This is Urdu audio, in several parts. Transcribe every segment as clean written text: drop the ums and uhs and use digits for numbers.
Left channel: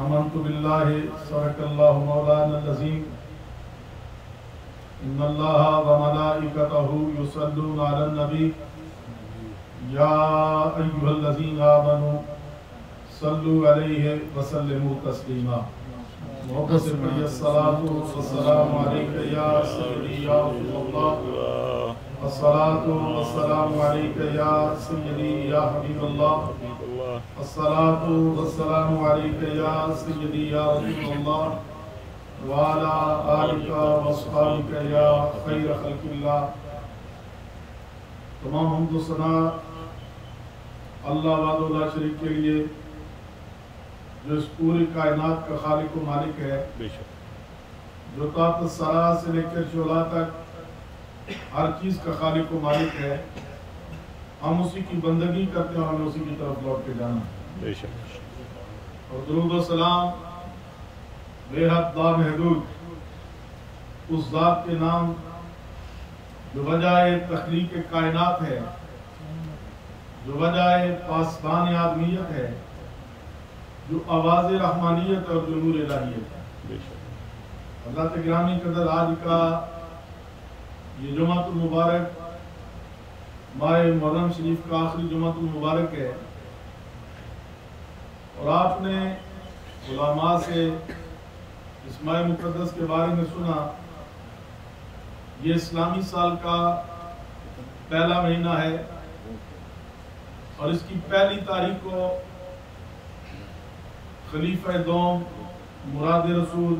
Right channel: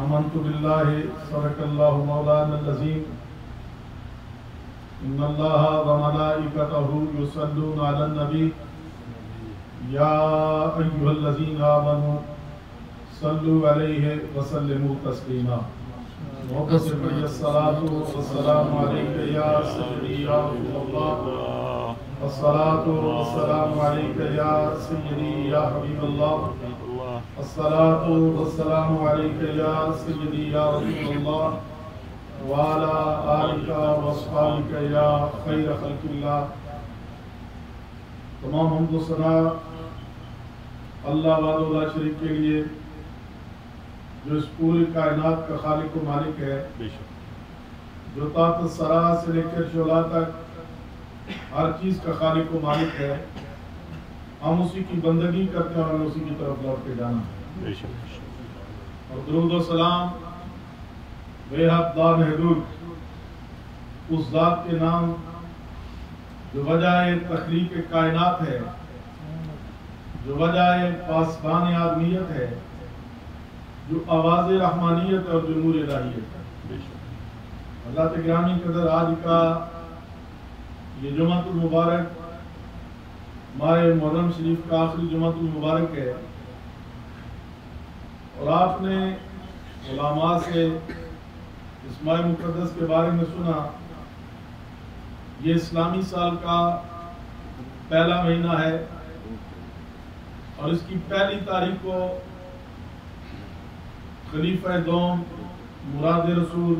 آمنت باللہ صدق اللہ مولانا العظیم ان اللہ وملائکتہ یصلون علی النبی یا ایھا الذین آمنوا صلوا علیہ وسلموا تسلیما محبت سے پڑھیے الصلاۃ والسلام علیک یا سیدی یا رسول اللہ الصلاۃ والسلام علیک یا سیدی یا حبیب اللہ الصلاۃ والسلام علیک یا سیدی یا رسول اللہ وعلی آلک واصحابک یا خیر خلق اللہ۔ تمام حمد و ثنا اللہ وحدہ لا شریک کے لیے جو اس پوری کائنات کا خالق و مالک ہے، جو تحت الثری سے لے کر شعلہ تک ہر چیز کا خالق و مالک ہے۔ ہم اسی کی بندگی کرتے ہیں اور ہمیں اسی کی طرف لوٹ کے جانا ہے۔ اور درود و سلام بے حد لامحدود اس ذات کے نام جو وجہ تخلیق کائنات ہے، جو وجہ پاسبان آدمیت ہے، جو آواز رحمانیت اور جو نور الہیت ہے۔ حضرت گرامی قدر آج کا یہ جمعہ المبارک ماہ محرم شریف کا آخری جمعہ المبارک ہے، اور آپ نے علماء سے اس ماہ مقدس کے بارے میں سنا۔ یہ اسلامی سال کا پہلا مہینہ ہے اور اس کی پہلی تاریخ کو خلیفہ دوم مراد رسول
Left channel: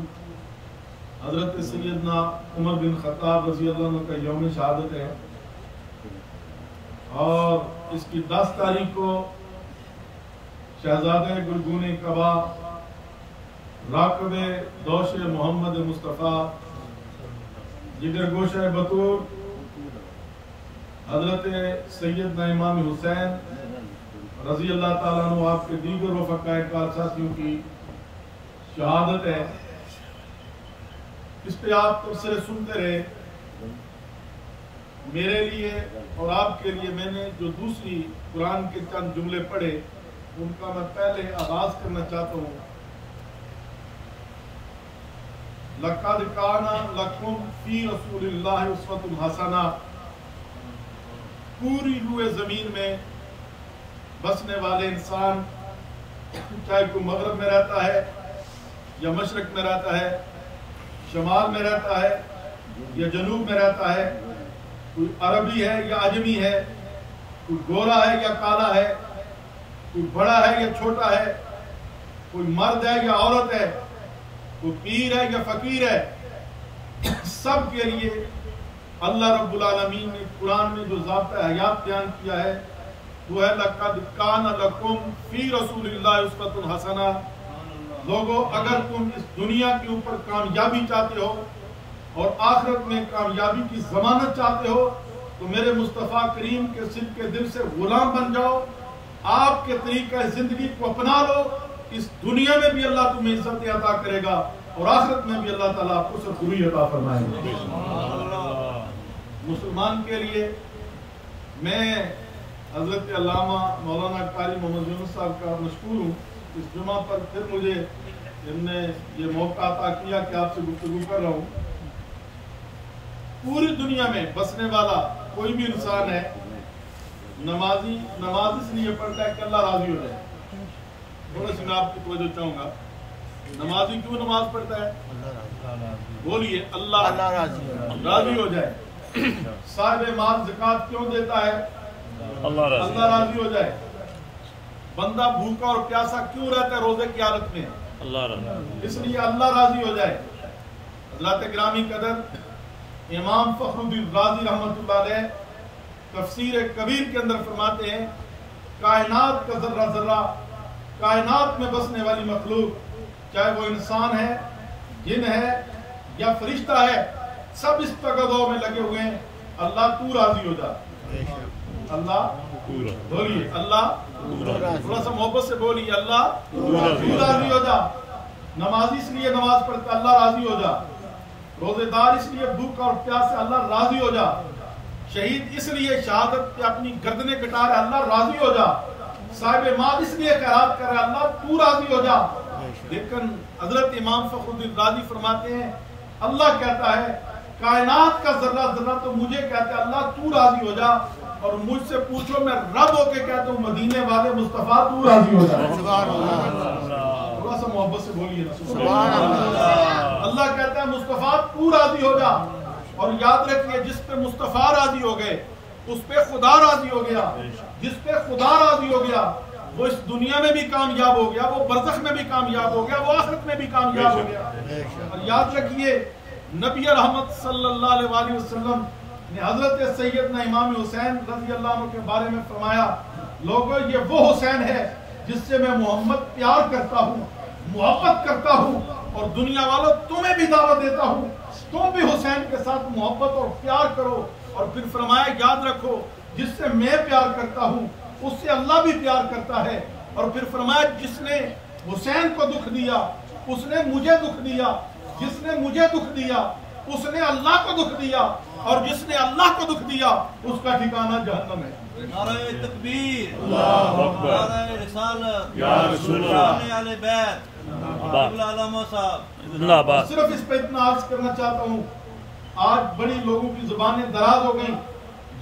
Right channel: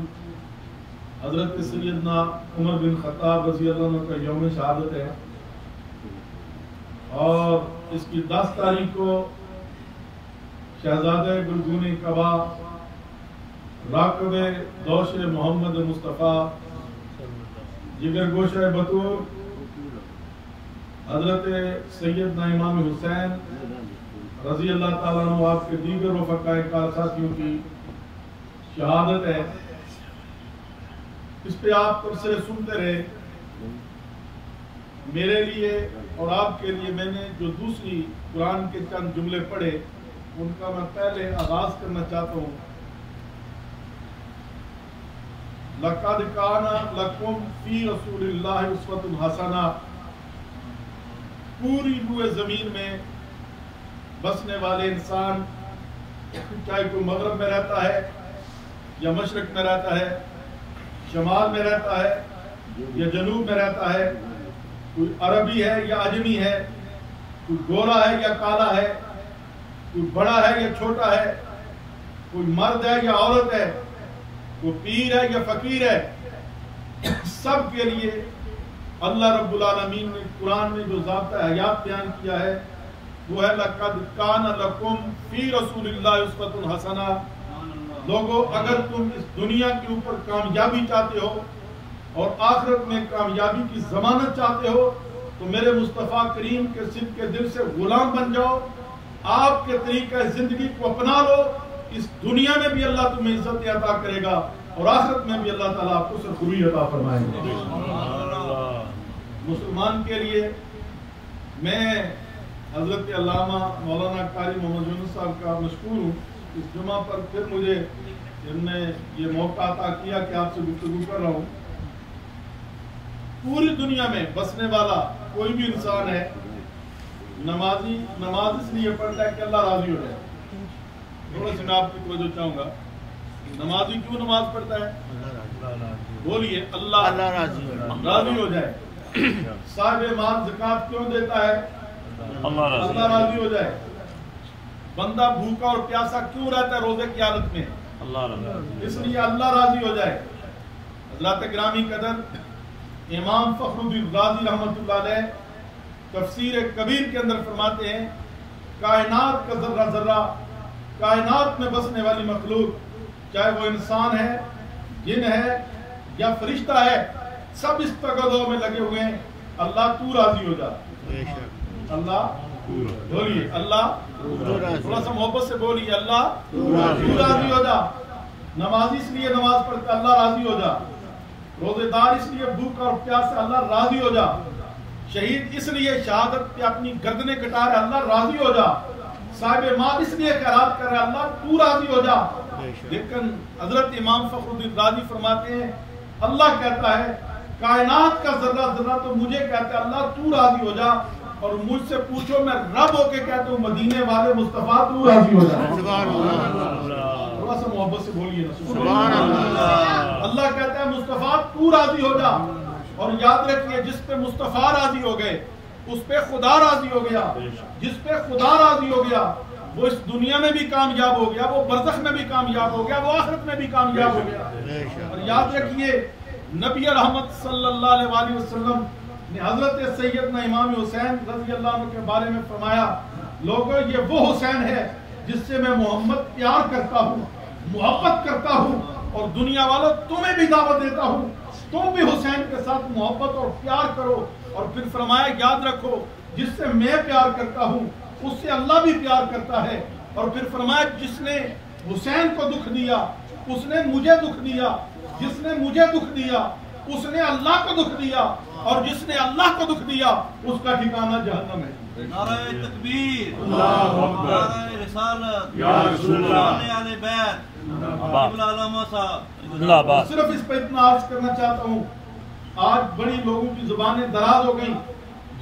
حضرت سیدنا عمر بن خطاب رضی اللہ عنہ کا یوم شہادت ہے، اور اس کی 10 تاریخ کو شہزادہ گلگون کعبہ راکب دوش محمد مصطفیٰ جگر گوشہ بطور حضرت سیدنا امام حسین رضی اللہ تعالیٰ عنہ آپ کے دیگر رفقائے کار ساتھیوں کی شہادت ہے۔ اس پہ آپ تبصرے سنتے رہے۔ میرے لیے اور آپ کے لیے میں نے جو دوسری قرآن کے چند جملے پڑھے ان کا میں پہلے آغاز کرنا چاہتا ہوں۔ لَقَدْ كَانَ لَكُمْ فِي رَسُولِ اللَّهِ أُسْوَةٌ حَسَنَةٌ۔ پوری روئے زمین میں بسنے والے انسان، چاہے کوئی مغرب میں رہتا ہے یا مشرق میں رہتا ہے، شمال میں رہتا ہے یا جنوب میں رہتا ہے، کوئی عربی ہے یا عجمی ہے، کوئی گورا ہے یا کالا ہے، کوئی بڑا ہے یا چھوٹا ہے، کوئی مرد ہے یا عورت ہے، کوئی پیر ہے یا فقیر ہے، سب کے لیے اللہ رب العالمین نے قرآن میں جو ضابطہ حیات بیان کیا ہے وہ ہے لَقَدْ كَانَ لَكُمْ فِي رَسُولِ اللَّهِ أُسْوَةٌ حَسَنَةٌ۔ لوگوں اگر تم اس دنیا کے اوپر کامیابی چاہتے ہو اور آخرت میں کامیابی کی ضمانت چاہتے ہو تو میرے مصطفیٰ کریم کے صدق کے دل سے غلام بن جاؤ، آپ کے طریقہ زندگی کو اپنا لو۔ اس دنیا میں بھی اللہ تمہیں عزت عطا کرے گا اور آخرت میں بھی اللہ تعالیٰ آپ کو سرخوری عطا فرمائے گا۔ مسلمان کے لیے میں حضرت علامہ مولانا قاری محمد یونس صاحب کا مشکور ہوں۔ اس جمعہ پر پھر مجھے ان نے یہ موقع عطا کیا کہ آپ سے گفتگو کر رہا ہوں۔ پوری دنیا میں بسنے والا کوئی بھی انسان ہے، نمازی نماز اس لیے پڑھتا ہے کہ اللہ راضی ہو جائے۔ تھوڑا سے میں آپ کی توجہ چاہوں گا، نمازی کیوں نماز پڑھتا ہے؟ بولیے، اللہ راضی ہو جائے۔ صاحب مال زکوٰۃ کیوں دیتا ہے؟ اللہ راضی ہو جائے۔ بندہ بھوکا اور پیاسا کیوں رہتا ہے روزے کی حالت میں؟ اس لیے اللہ راضی ہو جائے۔ حضرت گرامی قدر امام فخر الدین رازی رحمۃ اللہ علیہ تفسیر کبیر کے اندر فرماتے ہیں، کائنات کا ذرہ ذرہ، کائنات میں بسنے والی مخلوق، چاہے وہ انسان ہے، جن ہے یا فرشتہ ہے، سب اس تقاضوں میں لگے ہوئے ہیں اللہ تو راضی ہو جا۔ اللہ بولیے، اللہ تھوڑا سا محبت سے بولیے، اللہ تو راضی ہو جا۔ نمازی اس لیے نماز پڑھتا اللہ راضی ہو جا، روزے دار اس لیے بھوک اور پیاس سے اللہ راضی ہو جا، شہید اس لیے شہادت پہ اپنی گردنیں کٹا رہے اللہ راضی ہو جا، صاحب مال اس لیے خیرات کر رہا ہے اللہ تو راضی ہو جا. لیکن حضرت امام فخر الدین رازی فرماتے ہیں اللہ کہتا ہے کائنات کا ذرہ ذرہ تو مجھے کہتا ہے اللہ تو راضی ہو جا, اور مجھ سے پوچھو میں رب ہو کے کہتا ہوں مدینے والے مصطفیٰ تو راضی ہو جا. سبحان اللہ, تھوڑا سا محبت سے بولیے سبحان اللہ. اللہ کہتا ہے مصطفیٰ تو راضی ہو جا, اور یاد رکھیے جس پہ مصطفیٰ راضی ہو گئے اس پہ خدا راضی ہو گیا. جس پہ خدا راضی ہو گیا وہ اس دنیا میں بھی کامیاب ہو گیا, وہ برزخ میں بھی کامیاب ہو گیا, وہ آخرت میں بھی کامیاب ہو گیا. اور یاد رکھیے نبی رحمت صلی اللہ علیہ وآلہ وسلم نے حضرت سیدنا امام حسین رضی اللہ عنہ کے بارے میں فرمایا لوگوں یہ وہ حسین ہے جس سے میں محمد پیار کرتا ہوں, محبت کرتا ہوں, اور دنیا والوں تمہیں بھی دعوت دیتا ہوں تم بھی حسین کے ساتھ محبت اور پیار کرو. اور پھر فرمایا یاد رکھو جس سے میں پیار کرتا ہوں اس سے اللہ بھی پیار کرتا ہے. اور پھر فرمایا جس نے حسین کو دکھ دیا اس نے مجھے دکھ دیا, جس نے مجھے دکھ دیا اس نے اللہ کو دکھ دیا, اور جس نے اللہ کو دکھ دیا اس کا ٹھکانہ جہنم ہے. نعرہ تکبیر, اللہ اکبر, نعرہ رسالت, یا رسول اللہ, اہل بیت, قبلہ علامہ صاحب. صرف اس پہ اتنا عرض کرنا چاہتا ہوں آج بڑی لوگوں کی زبانیں دراز ہو گئیں,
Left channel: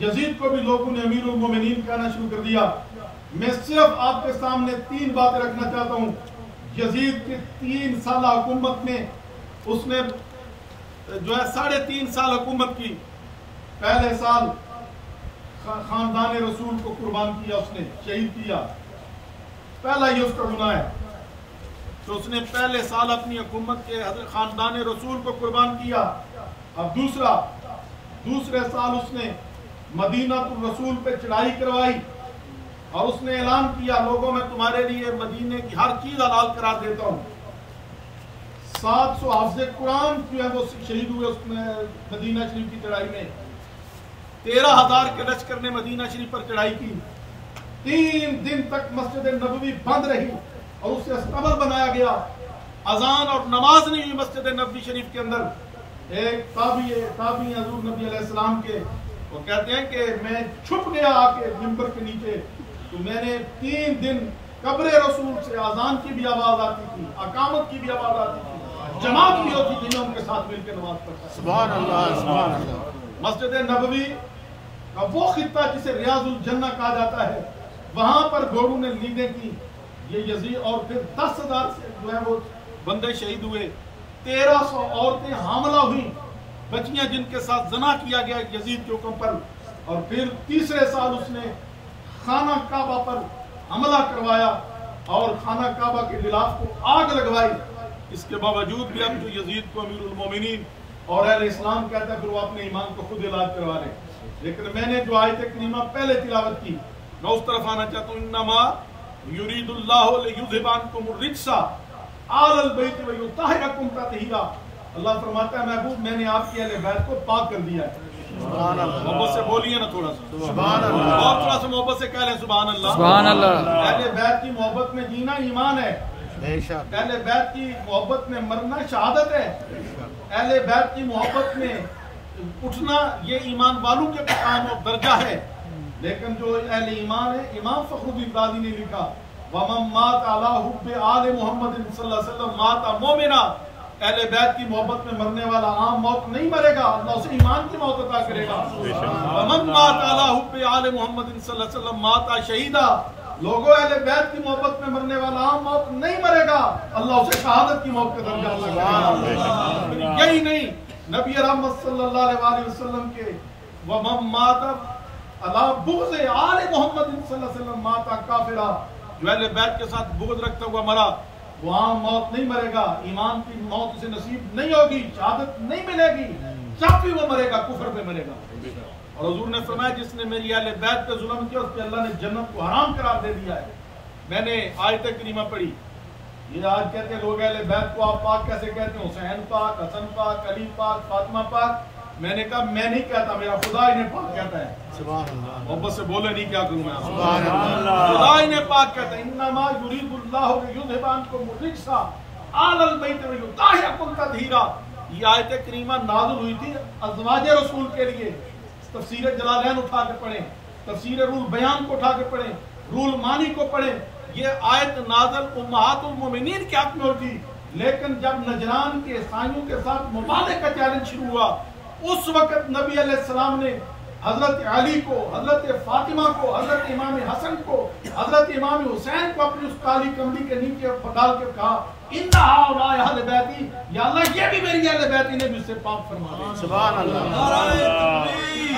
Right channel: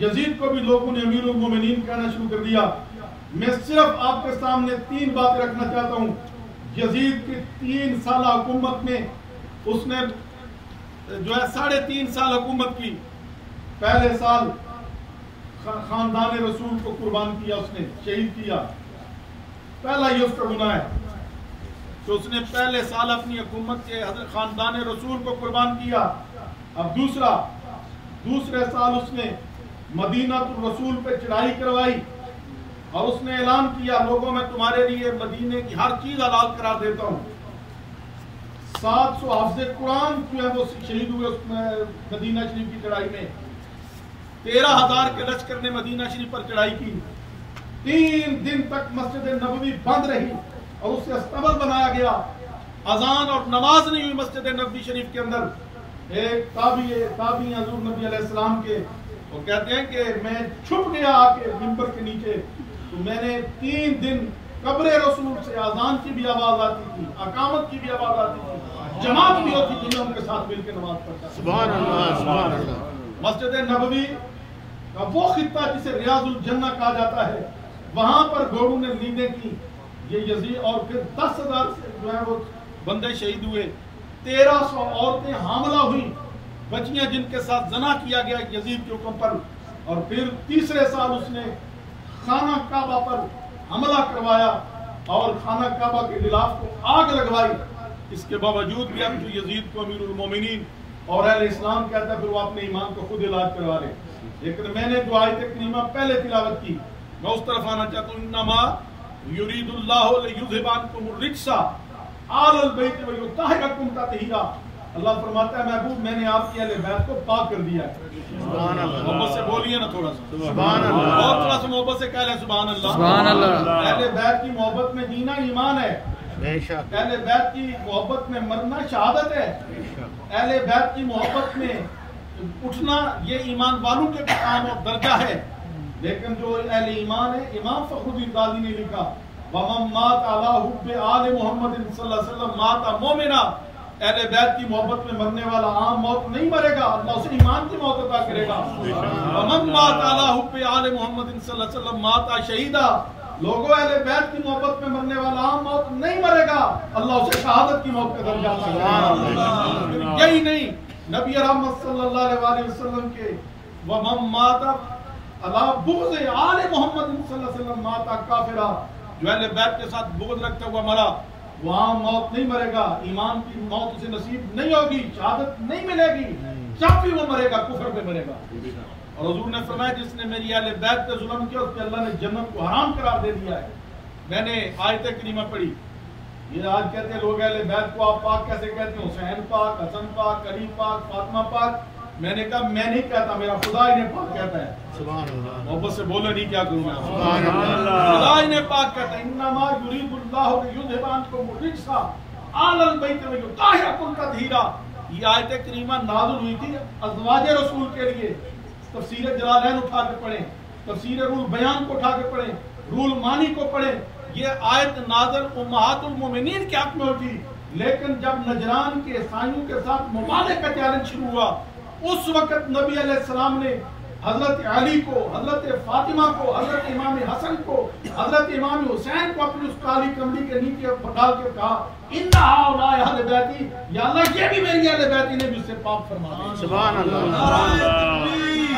یزید کو بھی لوگوں نے امیر المومنین کہنا شروع کر دیا. میں صرف آپ کے سامنے 3 باتیں رکھنا چاہتا ہوں. یزید کی 3 سالہ حکومت میں اس نے جو ہے 3.5 سال حکومت کی. پہلے سال خاندان رسول کو قربان کیا, اس نے شہید کیا, پہلا یہ اس کا گناہ ہے. تو اس نے پہلے سال اپنی حکومت کے خاندان رسول کو قربان کیا. اب دوسرے سال اس نے مدینہ الرسول پہ چڑھائی کروائی, اور اس نے اعلان کیا لوگوں میں تمہارے لیے مدینے کی ہر چیز حلال قرار دیتا ہوں. 700 حافظ قرآن جو ہے وہ شہید ہوئے اس میں مدینہ شریف کی چڑھائی میں. 13,000 کے لشکر نے مدینہ شریف پر چڑھائی کی. 3 دن تک مسجد نبوی بند رہی اور اسے استبل بنایا گیا. اذان اور نماز نہیں ہوئی مسجد نبوی شریف کے اندر. ایک تابعی حضور نبی علیہ السلام کے وہ کہتے ہیں کہ میں چھپ گیا آ کے منبر کے نیچے, تو میں نے 3 دن قبر رسول سے اذان کی بھی آواز آتی تھی, اقامت کی بھی آواز آتی تھی, جماعت بھی ہوتی تھی, میں ان کے ساتھ مل کے نماز پڑھتا. سبحان اللہ, سبحان اللہ. مسجد نبوی کا وہ خطہ جسے ریاض الجنہ کہا جاتا ہے, وہاں پر گھوڑوں نے نیندیں کی یہ یزید, اور پھر 10,000 سے جو ہے وہ بندے شہید ہوئے. 1300 عورتیں حاملہ ہوئیں, بچیاں جن کے ساتھ زنا کیا گیا یزید کے حکم پر. اور پھر تیسرے سال اس نے خانہ کعبہ پر حملہ کروایا اور خانہ کعبہ کے غلاف کو آگ لگوائی. اس کے باوجود بھی اب جو یزید کو امیر المومنین اور اہل اسلام کہتا ہے پھر وہ اپنے ایمان کو خود علاج کروا لے. لیکن میں نے جو آیت کریمہ پہلے تلاوت کی میں اس طرف آنا چاہتا ہوں. انما یرید اللہ لیذھب عنکم الرجس آل البیت ویطہرکم تطہیرا. اللہ فرماتا ہے محبوب میں نے آپ کی اہل بیت کو پاک کر دیا ہے. سبحان اللہ. محبت سے بولیے نا تھوڑا سا سبحان اللہ, اور تھوڑا سا محبت سے کہہ لیں سبحان اللہ. سبحان اللہ. اہل بیت کی محبت میں جینا ایمان ہے. اہل بیت کی محبت میں مرنا شہادت ہے. اہل بیت کی محبت میں اٹھنا یہ ایمان والوں کے مقام اور درجہ ہے. لیکن جو اہل ایمان ہے, امام فخر الدین رازی نے لکھا وَمَن مَاتَ عَلَىٰ حُبِّ آلِ مُحَمَّدٍ صلی اللہ علیہ وسلم مَاتَ مُؤْمِنًا. اہل بیت کی محبت میں مرنے والا عام موت نہیں مرے گا, اللہ اسے ایمان کی موت عطا کرے گا. وَمَن مَاتَ عَلَىٰ حُبِّ آلِ مُحَمَّدٍ صلی اللہ علیہ وسلم مَاتَ شَهِيدًا. لوگوں اہل بیت کی محبت میں مرنے والا عام موت نہیں مرے گا, اللہ اسے شہادت کی موت کا درجہ عطا کرے گا. یہی نہیں, نبی رحمت صلی اللہ علیہ وسلم کے وَمَن مَاتَ عَلَىٰ بُغْضِ آلِ مُحَمَّدٍ صلی اللہ علیہ وسلم مَاتَ کافرا. جو اہل بیت کے ساتھ بغض رکھتا ہوا مرا وہ عام موت نہیں مرے گا, ایمان کی موت اسے نصیب نہیں ہوگی, شہادت نہیں ملے گی, جب بھی وہ مرے گا کفر پہ مرے گا. اور حضور نے فرمایا جس نے میری اہل بیت پہ ظلم کیا اس کے اللہ نے جنت کو حرام قرار دے دیا ہے. میں نے آیت کریمہ پڑھی, یہ آج کہتے ہیں لوگ اہل بیت کو آپ پاک کیسے کہتے ہیں, حسین پاک, حسن پاک, علی پاک, فاطمہ پاک. میں نے کہا میں نہیں کہتا, میرا خدا انہیں پاک کہتا ہے. سبحان اللہ. محبت سے بولے نہیں کیا کروں میں, سبحان اللہ. خدا انہیں پاک کہتا ہے. انما یرید اللہ لیذھب عنکم الرجس آل البیت ویطہرکم تطہیرا. یہ آیت کریمہ نازل ہوئی تھی ازواج رسول کے لیے. تفسیر جلالین اٹھا کے پڑھیں, تفسیر روح بیان کو اٹھا کے پڑھیں, رول مانی کو پڑھیں. یہ آیت نازل امہات المومنین کے حق میں ہوتی، لیکن جب نجران کے عیسائیوں کے ساتھ ممالک کا چیلنج شروع ہوا، اس وقت نبی علیہ السلام نے حضرت علی کو، حضرت فاطمہ کو، حضرت امام حسن کو، حضرت امام حسین کو اپنی اس کالی کمری کے نیچے ڈال کے کہا ان ہؤلاء اہل بیتی، یا اللہ یہ بھی میری اہل بیتی نے بھی اسے پاک فرما دیا. سبحان اللہ.